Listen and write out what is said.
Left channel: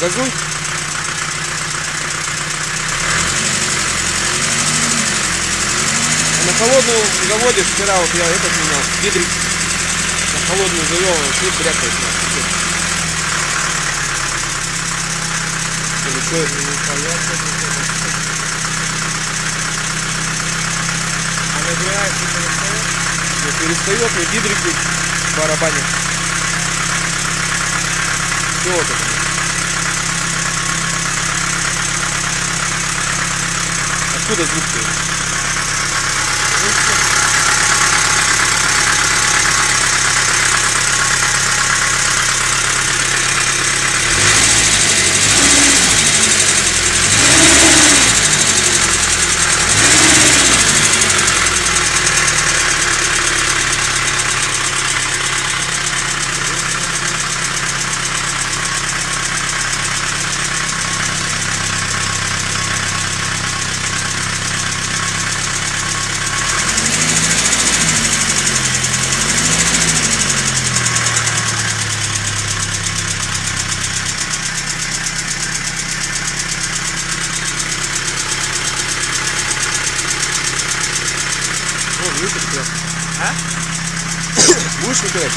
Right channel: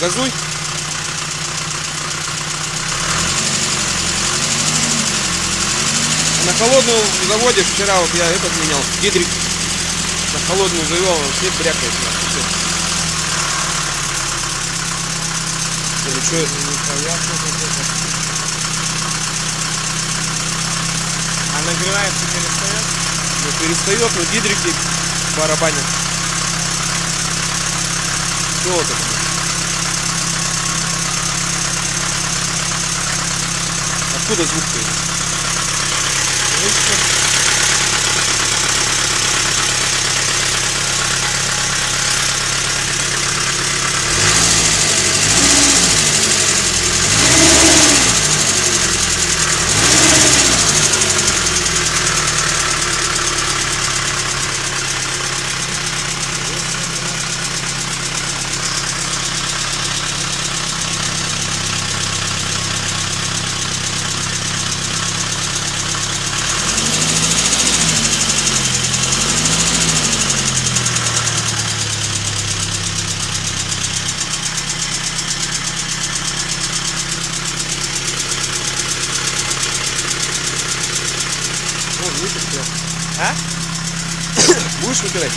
газуй. На холодную заводишь, вчера вот я этот менял, гидрик. На холодную завел, он вообще брякает. Что это? Не перестает, но гидрики барабанят. Что вот это? Откуда звук-то? Будешь выбирать?